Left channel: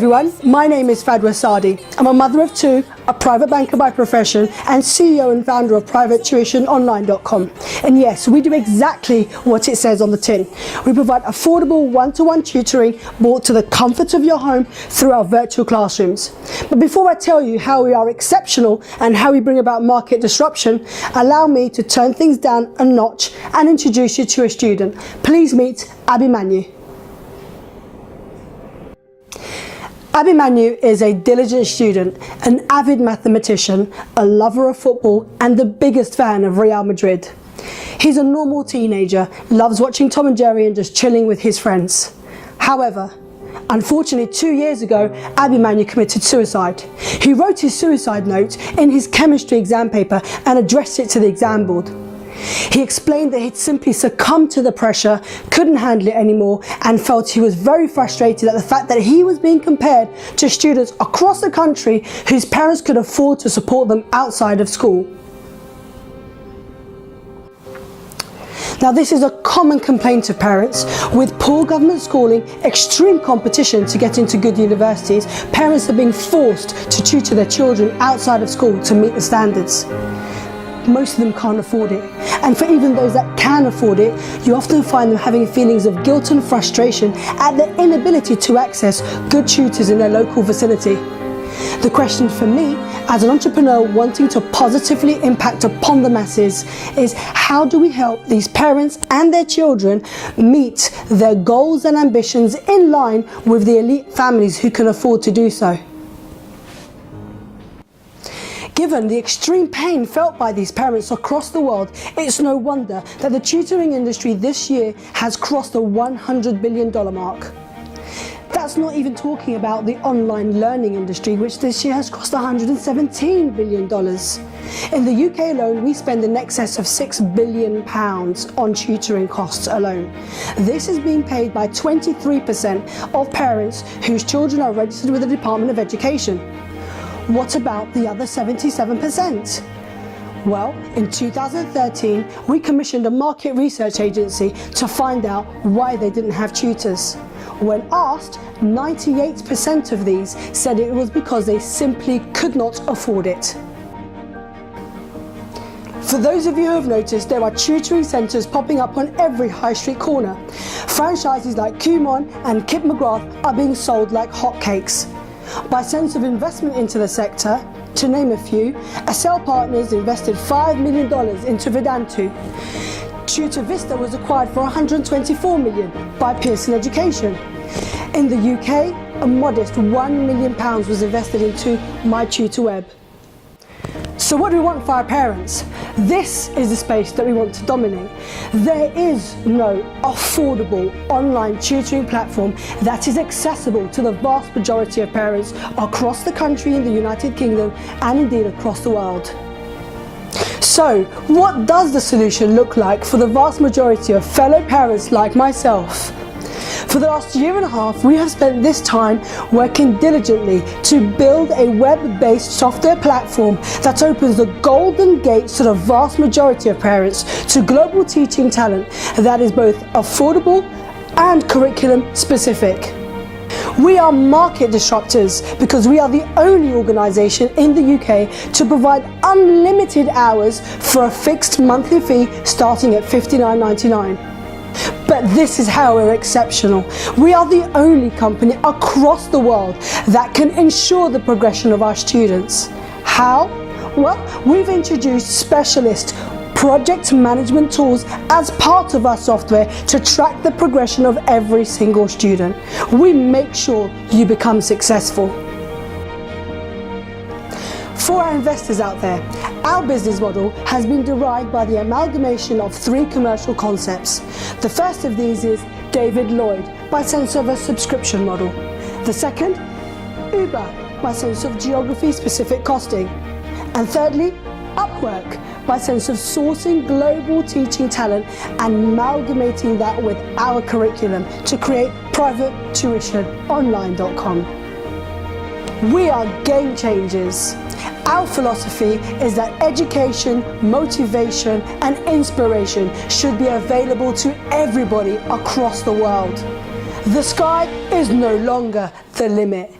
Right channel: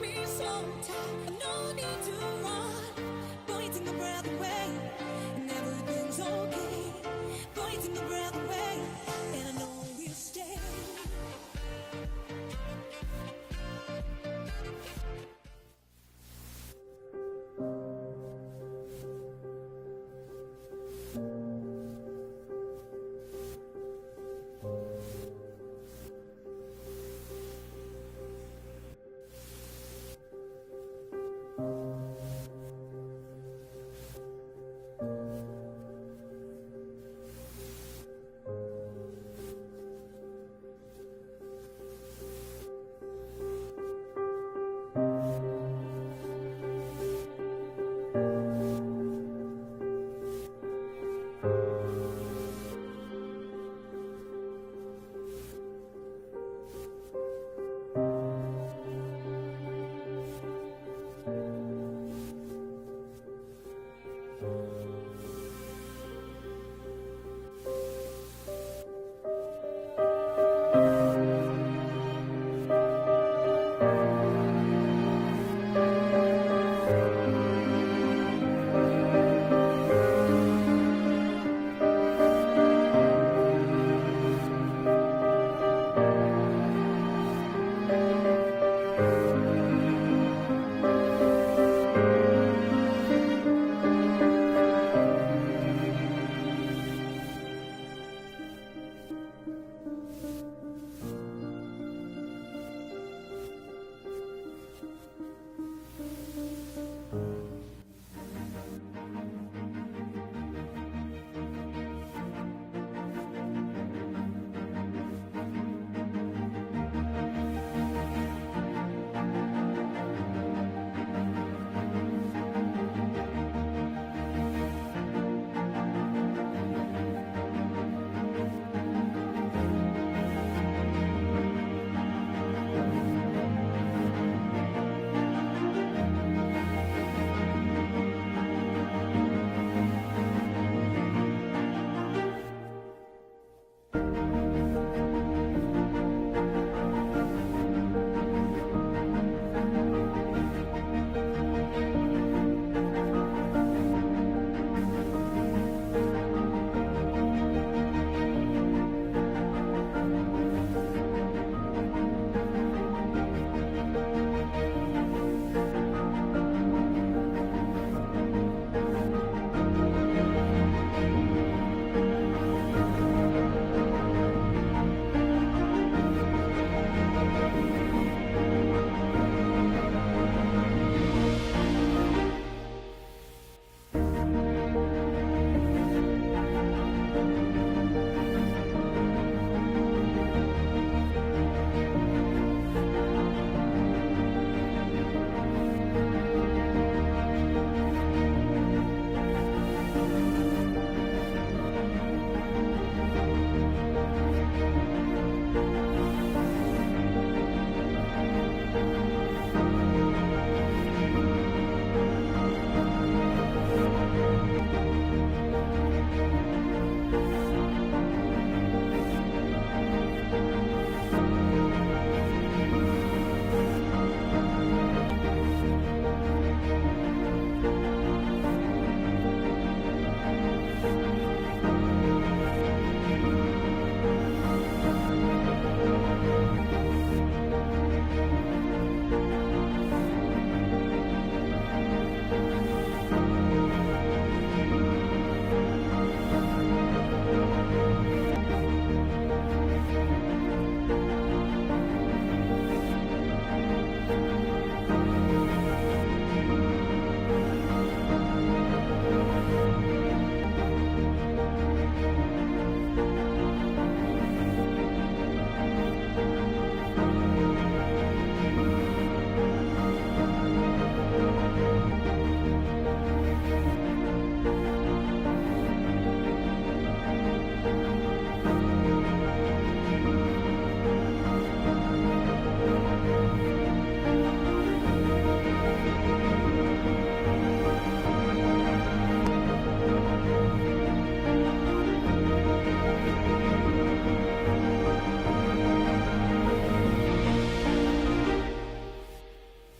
everyone, my name is Fadwa Sadi. I'm a mother of two, a private banker by profession, and CEO and founder of PrivateTuitionOnline.com. And yes, we do exactly what it says on the tin. We provide affordable one-to-one tutoring brought to the comfort of your home through our virtual classrooms. But before I tell you how we are exceptional and how we bring about market disruption, allow me to turn things down a notch and introduce you to a student. Please meet Abby Manu. Abby Manu is a diligent student, an avid mathematician, a lover of football, and the biggest fan of Real Madrid. He's a normal teenager, loves watching Tom and Jerry and just chilling with his friends. However, unfortunately 2 years ago, Abby Manu committed suicide. He wrote his suicide note in his chemistry exam paper and addressed it to the exam board. He explained that he'd simply succumbed to the pressure, couldn't handle it anymore, and felt he was very frustrated at the fact that he was being compared to students across the country whose parents could afford to support them outside of school. Now, this is a common complaint of parents. With poor government schooling, extreme competition to get into good universities, parents are being forced to tutor their children outside of school to meet the standards. Most of them can't afford it. And for even those that can afford it, you often find them having feelings of guilt and frustration at their inability to access good tutors in their local vicinity. The question for me, as an entrepreneur wanting to positively impact upon the masses, is how do we help these parents and their children meet their goals and ambitions in line with the elite families who can afford to do so? Given the extreme pain felt by these parents across the world, it's no wonder that the tutoring industry this year has crossed the $100 billion mark. That's not even talking about the online learning industry, which this year has cost $117 billion. In the UK alone, we spend in excess of £6 billion on tutoring costs alone. This is being paid by 23% of parents whose children are registered with the Department of Education. What about the other 77%? Well, in 2013, we commissioned a market research agency to find out why they didn't have tutors. When asked, 98% of these said it was because they simply could not afford it. For those of you who have noticed, there are tutoring centres popping up on every high street corner. Franchises like Kumon and Kip McGrath are being sold like hotcakes. By sense of investment into the sector, to name a few, Accel Partners invested $5 million into Vedantu. Tutor Vista was acquired for $124 million by Pearson Education. In the UK, a modest £1 million was invested into MyTutorWeb. So what do we want for our parents? This is the space that we want to dominate. There is no affordable online tutoring platform that is accessible to the vast majority of parents across the country in the United Kingdom and indeed across the world. So, what does the solution look like for the vast majority of fellow parents like myself? For the last year and a half, we have spent this time working diligently to build a web-based software platform that opens the golden gates to the vast majority of parents to global teaching talent that is both affordable and curriculum specific. We are market disruptors because we are the only organisation in the UK to provide unlimited hours for a fixed monthly fee starting at £59.99. But this is how we're exceptional. We are the only company across the world that can ensure the progression of our students. How? Well, we've introduced specialist project management tools as part of our software to track the progression of every single student. We make sure you become successful. For our investors out there, our business model has been derived by the amalgamation of three commercial concepts. The first of these is David Lloyd, by sense of a subscription model. The second, Uber, by sense of geography-specific costing. And thirdly, Upwork, by sense of sourcing global teaching talent and amalgamating that with our curriculum to create PrivateTuitionOnline.com. We are game changers. Our philosophy is that education, motivation, and inspiration should be available to everybody across the world. The sky is no longer the limit.